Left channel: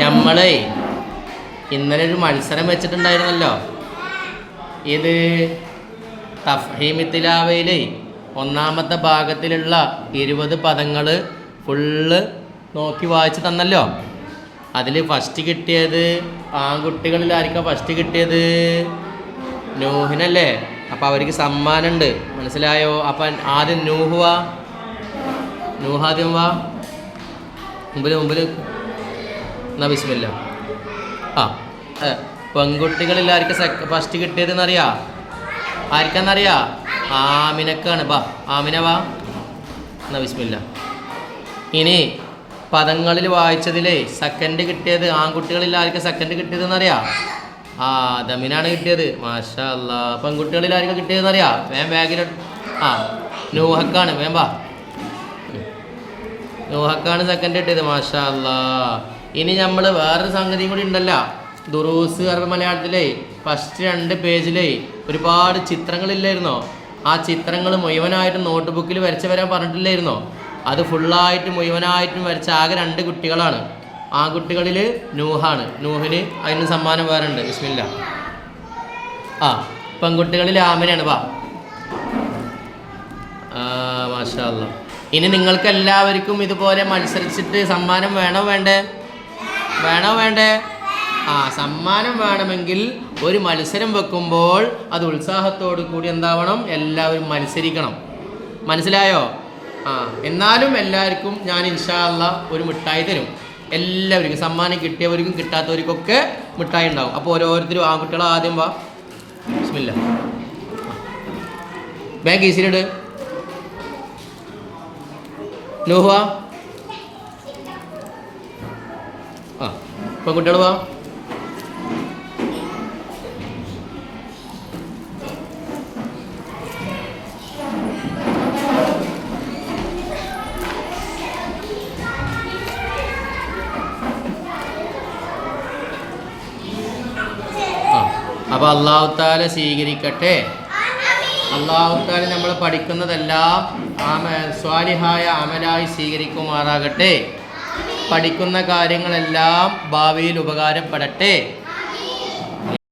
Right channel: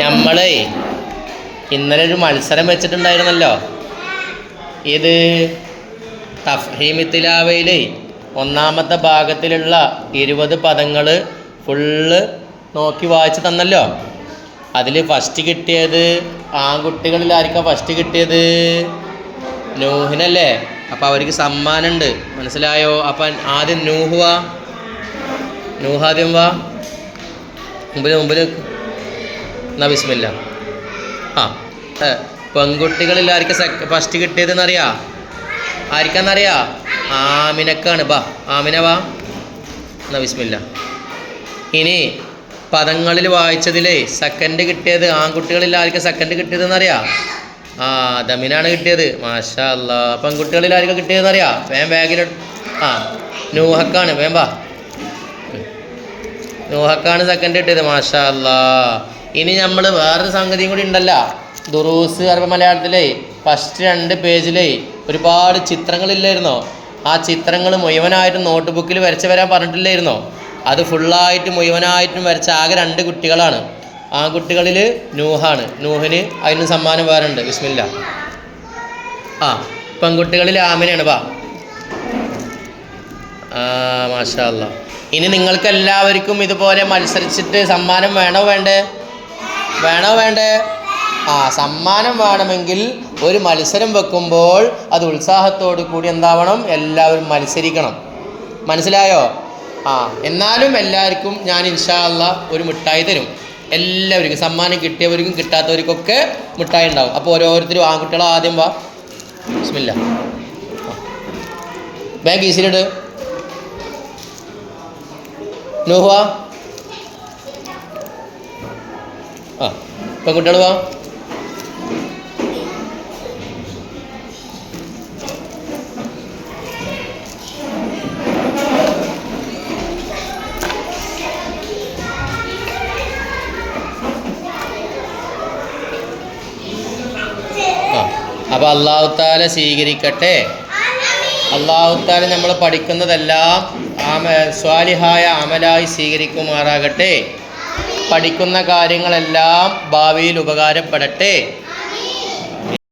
നമ്മളെ ഇന്നലെ ഒരു മത്സരം വെച്ചിട്ടുണ്ടായിരുന്നല്ലോ. ഇത് തഫ്ഹീമി തിലാവയിലെ ഒന്നാമത്തെ ഭാഗത്തിലുള്ള 20 പദങ്ങൾ ഫുള്ള് നോക്കി വായിച്ച് തന്നല്ലോ. അതിൽ ഫസ്റ്റ് കിട്ടിയത് ആൺകുട്ടികളിൽ ആർക്കാണ് ഫസ്റ്റ് കിട്ടിയത്? നൂഹിനല്ലേ. അപ്പോൾ അവർക്ക് സമ്മാനമുണ്ട്, മനസ്സിലായോ? അപ്പം ആദ്യം നൂഹ് വാ, നൂഹ് ആദ്യം വാ, മുമ്പിൽ എന്നാ ബിസ്മില്ല. പെൺകുട്ടികളിൽ ആർക്കാ ഫസ്റ്റ് കിട്ടിയതെന്നറിയാ? ആർക്കാന്നറിയാ? ആമിനക്കാണ്. ബാ ആമിന വാ, എന്നാ ബിസ്മില്ല. ഇനി പദങ്ങളിൽ വായിച്ചതിലേ സെക്കൻഡ് കിട്ടിയത് ആൺകുട്ടികളിൽ ആർക്കാ സെക്കൻഡ് കിട്ടിയതെന്നറിയാ? ദമിനാണ് കിട്ടിയത്. മാഷാ അല്ലാ. പെൺകുട്ടികളിൽ ആർക്കാ കിട്ടിയതെന്നറിയാ? വേഗം നൂഹക്കാണ്. വാ, നൂഹക്കാണ് സെക്കൻഡ് കിട്ടിയത്. മാഷാ അല്ലാ. ഇനി നമ്മൾ വേറൊരു സംഗതിയും കൂടി ഉണ്ടല്ലോ. ദുറൂസ് അറബി മലയാളത്തിലേ ഫസ്റ്റ് 2 പേജിലേ ഒരുപാട് ചിത്രങ്ങളില്ലായിരുന്നോ? ആ ചിത്രങ്ങൾ മുഴുവനായിട്ടും നോട്ട് ബുക്കിൽ വരച്ച് വരാൻ പറഞ്ഞിട്ടില്ലായിരുന്നോ? അത് ഫുള്ളായിട്ട് മുഴുവനായിട്ടും വരച്ച ആകെ 2 കുട്ടികളാണ്. ആൺകുട്ടികളിൽ നൂഹാണ്. നൂഹിന് അതിന് സമ്മാനം വേറെ ഉണ്ട്. ബിസ്മില്ല. പെൺകുട്ടികളിൽ ആമിനയാണ്. വാ. മാഷാ അല്ലാ. ഇനി നിങ്ങൾക്ക് എല്ലാവർക്കും ഇതുപോലെ മത്സരിച്ചിട്ട് സമ്മാനം വേണോ വേണ്ടേ? സമ്മാനം വേണമെങ്കിൽ ഒരു മത്സരം വെക്കുമ്പോൾ അത് ഉത്സാഹത്തോടു കൂടി എന്താവണം? എല്ലാവരും മത്സരിക്കണം. മനസ്സിലായോ? എന്നാലും എല്ലാവർക്കും ഞാൻ ഇൻഷാ അല്ലാ ഒരു മിഠായി തരും. എല്ലാവർക്കും സമ്മാനം കിട്ടിയവർക്കും കിട്ടാത്തവർക്കൊക്കെ മിഠായി ഉണ്ടാവും. അപ്പോൾ ഓരോരുത്തരും ആൺകുട്ടികളെ ആദ്യം വാ. ബിസ്മില്ല. ബാങ്ക് ഈസിലിട്. നൂഹ പെൺകുട്ടികൾ വാ. അപ്പോൾ അല്ലാഹു തആല സ്വീകരിക്കട്ടെ. അല്ലാഹു തആല നമ്മൾ പഠിക്കുന്നതെല്ലാം സ്വാലിഹായ അമലായി സ്വീകരിക്കുമാറാകട്ടെ. പഠിക്കുന്ന കാര്യങ്ങളെല്ലാം ഭാവിയിൽ ഉപകാരപ്പെടട്ടെ.